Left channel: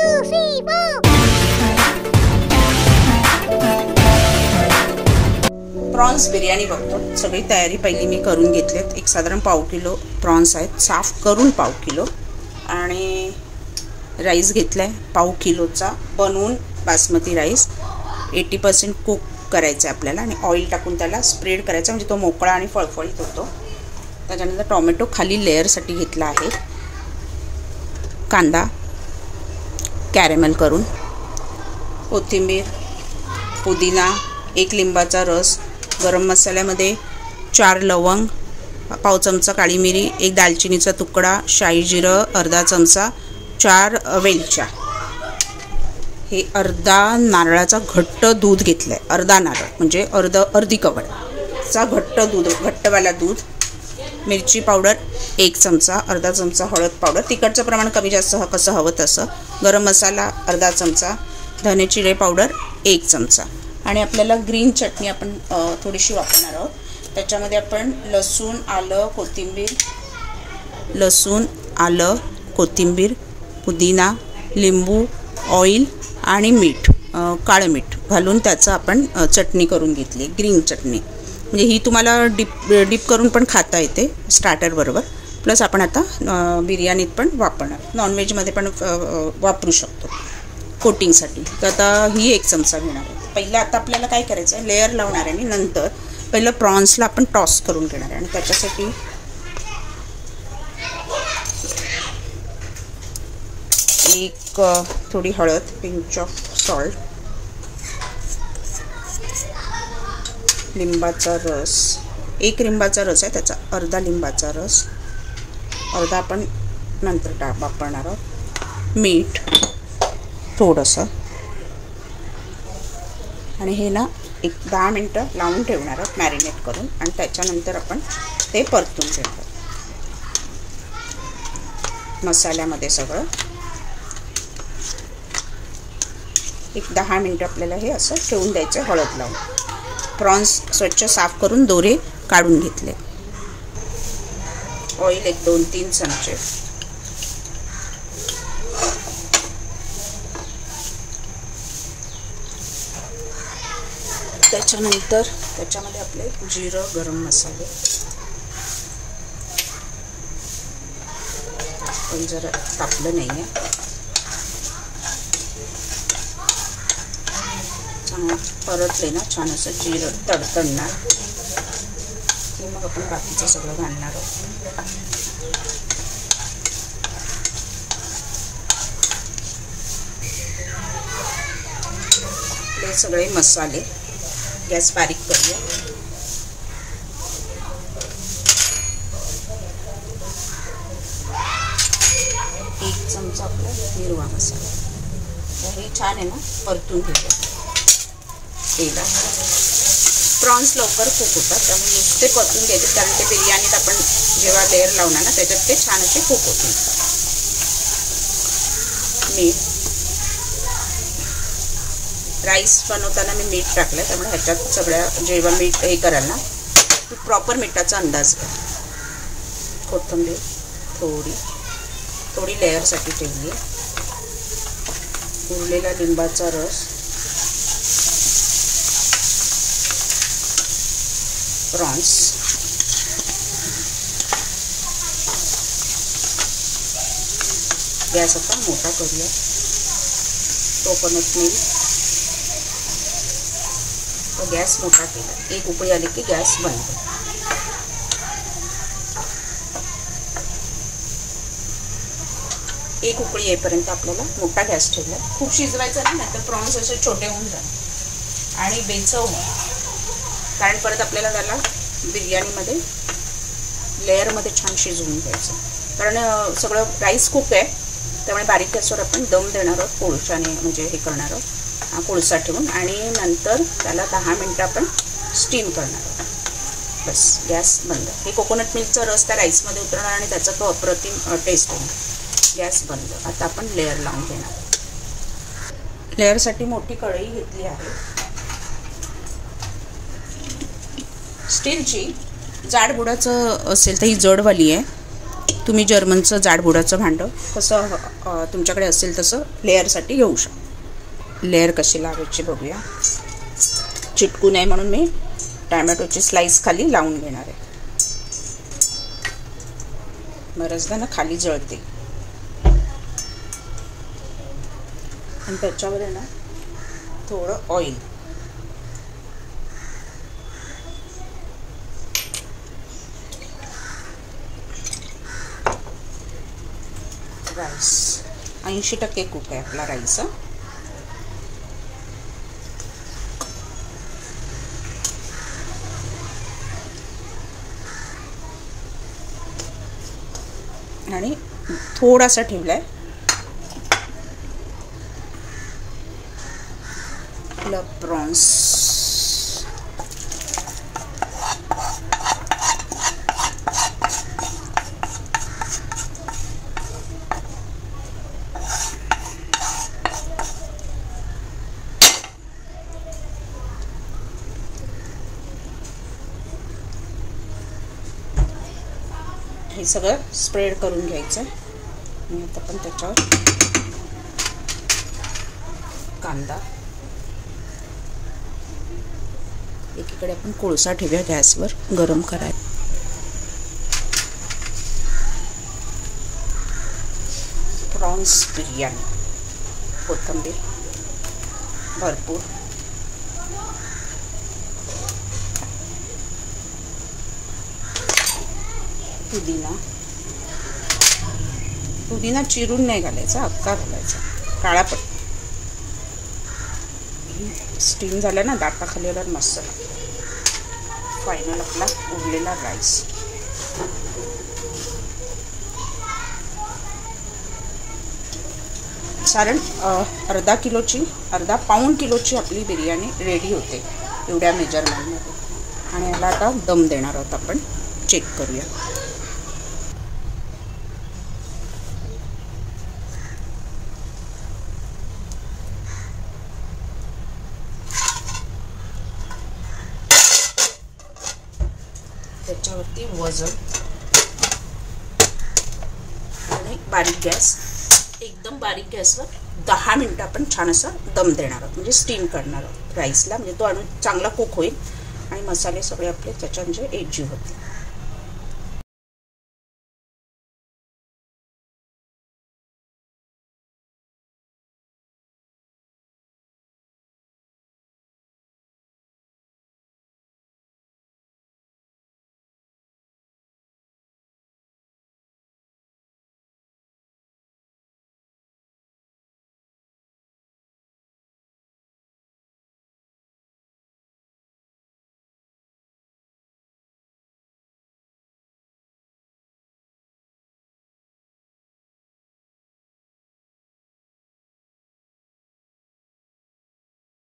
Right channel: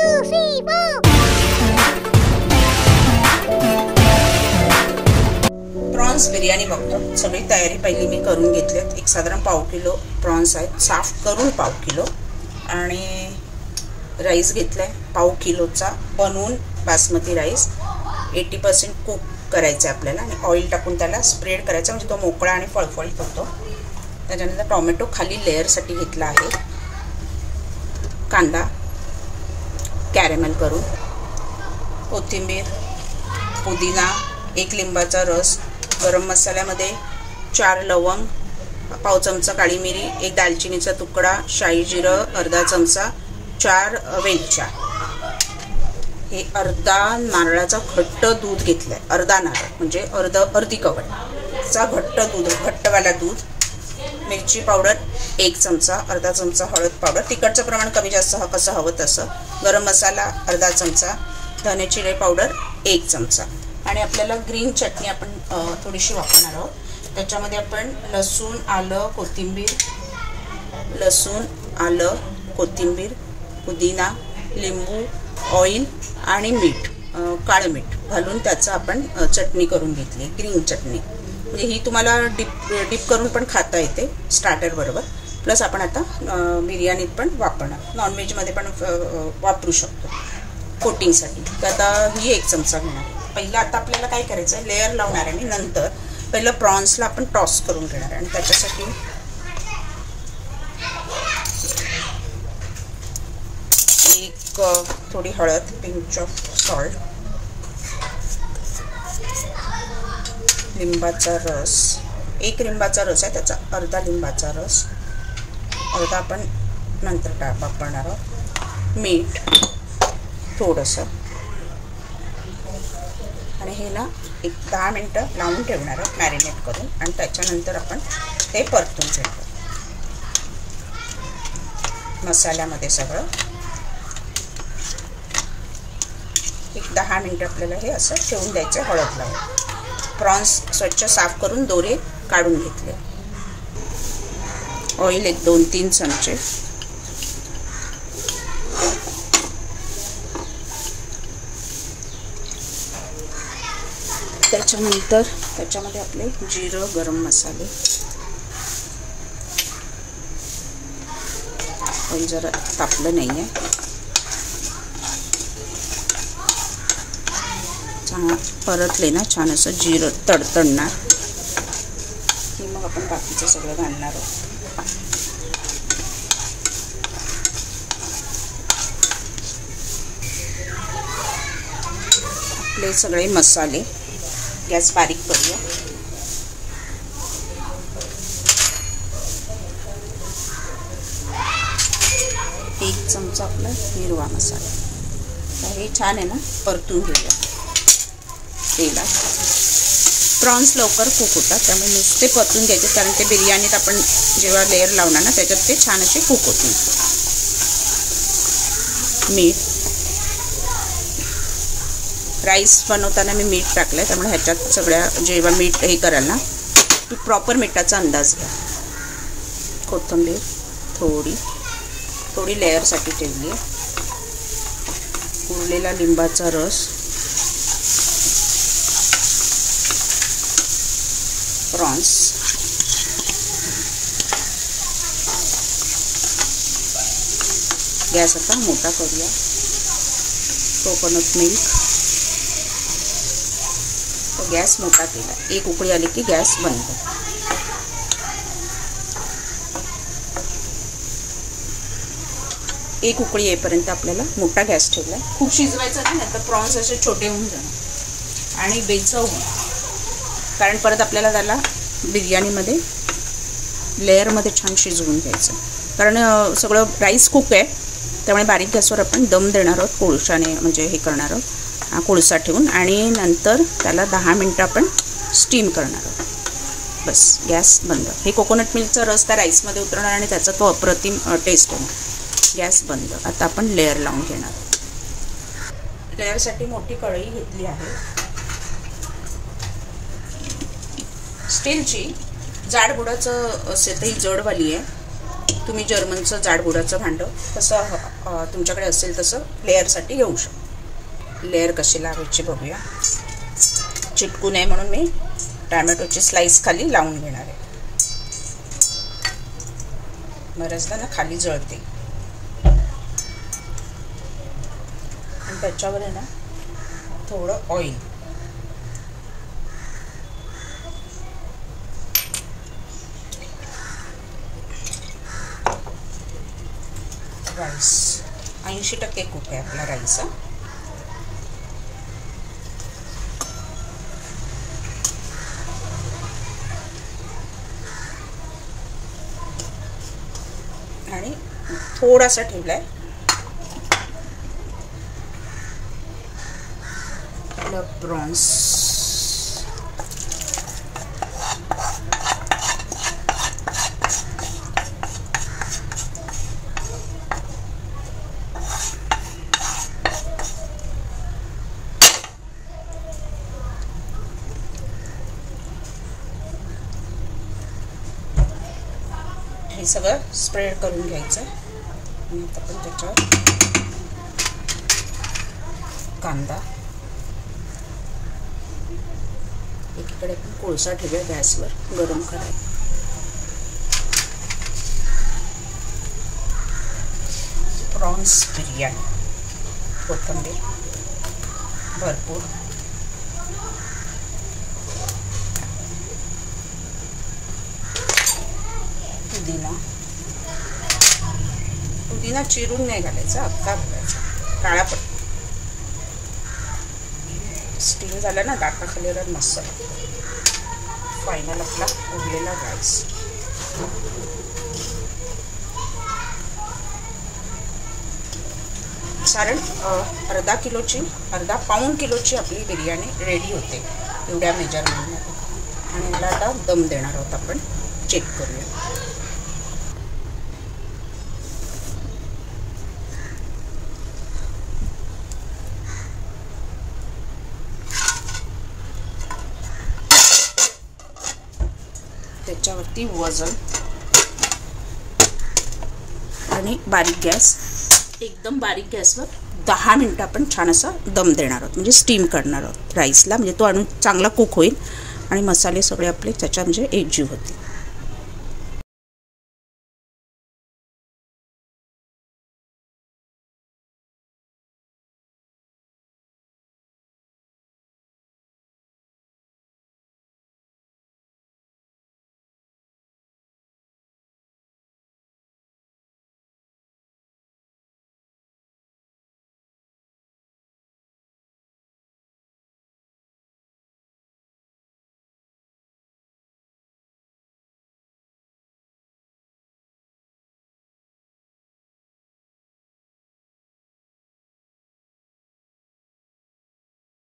2, 3, 4. Prawns biryani बघतो. सगळी तयारी पहिली मी करून घेतलीत. एक साधारण पाव किलो प्रॉन्स आहेत, साफ करून पाव किलो. आणि राईस घेतलाय पाव किलोचा बनवून बासमती राईस. 80% कुक करायचं आहे आपल्याला आणि ऑइल टाकून त्याला स्प्रेड करायचं म्हणजे तो मोकळा आणि फळफळीत होतो. त्याच्यानंतर टोमॅटो खाली लेअरसाठी घेतला आहे. कांदा कॅरेमेल करून, कोथिंबीर, पुदिना, 1 लिंबाचा रस, गरम मसाल्यामध्ये 4 लवंग, पाव चमचा काळी मिरी, 1 दालचिनीचा तुकडा, शाही जिरं अर्धा चमचा, 4 वेलच्या. हे अर्धा नारळाचा घट्ट दूध घेतलंय. अर्धा नारळ म्हणजे अर्धी कवडचा घट्टवाला दूध. मिरची पावडर 1 चमचा, अर्धा चमचा हळद पावडर, तिखटचं प्रमाण कमी जास्त कसं हवं तसं. गरम मसाला अर्धा चमचा, धने जिरे पावडर 1 चमचा. आणि आपल्याला ग्रीन चटणी आपण थोडीशी वापरणार आहोत. त्याच्यामध्ये आपण लसूण आलं कोथिंबीर, पुदिना, लिंबू, ऑइल आणि मीठ, काळं मीठ घालून त्याचं आपण चटणी करून घेतली, ग्रीन चटणी. म्हणजे ही तुम्हाला डिप करून पण खाता येते स्टार्टर बरोबर. प्लस आपण आता बिर्याणीत पण वापरणार, नॉनव्हेजमध्ये पण वापरू शकतो कोटिंगसाठी. तर आता ही 1 चमचा घेणार आहे. पहिलं आता आपल्याला काय करायचं आहे, लेअर लावणार आहे आणि नंतर पहिलं प्रॉन्सला आपण टॉस करून घेणार आहे. आणि त्याच्यासाठी थोडी हळद, पिंच ऑफ सॉल्ट, लिंबाचा रस, 1 लिंबाचा रस आहे त्याचा अर्धा लिंबाचा रस, अर्धा आपण नंतर वापरणार आहोत. मीठ थोडंसं. आणि हे ना एक 10 मिनटं लावून ठेवणार आहोत मॅरिनेट करून. आणि त्याच्यानंतर आपण ते परतून घेणार मसाल्यामध्ये सगळं. एक 10 मिनटं आपल्याला हे असं ठेवून द्यायचं हळद लावून. प्रॉन्स स्वच्छ साफ करून दोरे काढून घेतले. ऑइल 2-3 चमचे. त्याच्यानंतर त्याच्यामध्ये आपले जिरं, गरम मसाले, पण जरा तापलं नाही आहे, छान परतले ना छान असं जिरं तडतडणार. मग आपण बाकीचं सगळं घालणार आहोत. आपले सगळे मसाले. गॅस बारीक करूया. एक चमचा आपला हिरवा मसाला. हे छान आहे ना, परतून घेऊया तेलात. प्रॉन्स लवकर कुक होतात त्यामुळे नुसते परतून घ्यायचे, कारण ते बिर्याणीत आपण जेव्हा लेअर लावणार ना त्याच्यात ते छान असे कुक होतील. मीठ, राईस बनवताना मी मीठ टाकलंय त्यामुळे ह्याच्यात सगळ्या जेव्हा मीठ हे कराल ना की प्रॉपर मिठाचा अंदाज घ्या. कोथिंबीर थोडी लेअरसाठी ठेवली आहे. उरलेला लिंबाचा रस, प्रॉन्स, गॅस आता मोठा करूया. कोकोनट मिल्क, गॅस मोठा केला. 1 उकळी आली की गॅस बंद. एक उकळी येईपर्यंत आपल्याला मोठा गॅस ठेवला. खूप शिजवायचं नाही तर प्रॉन्स असे छोटे होऊन जाणार आणि बेचव होणार. कारण परत आपल्याला त्याला बिर्याणीमध्ये लेअरमध्ये छान शिजवून घ्यायचं. कारण सगळं राईस कुक आहे त्यामुळे बारीक गॅसवर आपण दम देणार आहोत कोळशाने, म्हणजे हे करणार आहोत कोळसा ठेवून. आणि नंतर त्याला 10 मिनटं आपण स्टीम करणार आहोत. बस गॅस बंद. हे कोकोनट मिल्कचा रस त्या राईसमध्ये उतरणार आणि त्याचा तो अप्रतिम टेस्ट होणार. गॅस बंद. आता आपण लेअर लावून घेणार. लेअरसाठी मोठी कढई घेतली आहे स्टीलची. जाड बुडाचं असेल तर ही जडवाली आहे. तुम्ही जर्मनचं जाडबुडाचं भांडं कसं तुमच्याकडे असेल तसं लेअरसाठी घेऊ शकता. लेअर कशी लावायची बघूया. चिटकू नये म्हणून मी टॅमॅटोची स्लाइस खाली लावून घेणार आहे. बऱ्याचदा ना खाली जळते. आणि त्याच्यावर आहे ना थोडं ऑइल, राईस 80% कुक आहे आपला राईस. आणि थोडासा ठेवलाय आपला प्रॉन्स. हे सगळं स्प्रेड करून घ्यायचं. आणि आता पण त्याच्यावर कांदा, एकीकडे आपण कोळसा ठेवूया गॅसवर गरम करायला. प्रॉन्स बिर्याणी, कोथिंबीर भरपूर, पुदिना चिरून नाही घालायचा, अख्खा घालायचा, काळा पड. स्टीम झाला ना दाताखाली मस्त. फायनल आपला उरलेला राईस. साधारण अर्धा पाऊण किलोची आपली बिर्याणी रेडी होते एवढ्या मेजरमेंटमध्ये. आणि याला आता दम देणार आहोत आपण. चेक करूया. त्याच्यावरती वजन आणि बारीक गॅस, एकदम बारीक गॅसवर 10 मिनिटं आपण छान असा दम देणार आहोत. म्हणजे स्टीम करणार आहोत राईसला. म्हणजे तो चांगला कुक होईल आणि मसाले सगळे आपले त्याच्या म्हणजे एकजीव होतील.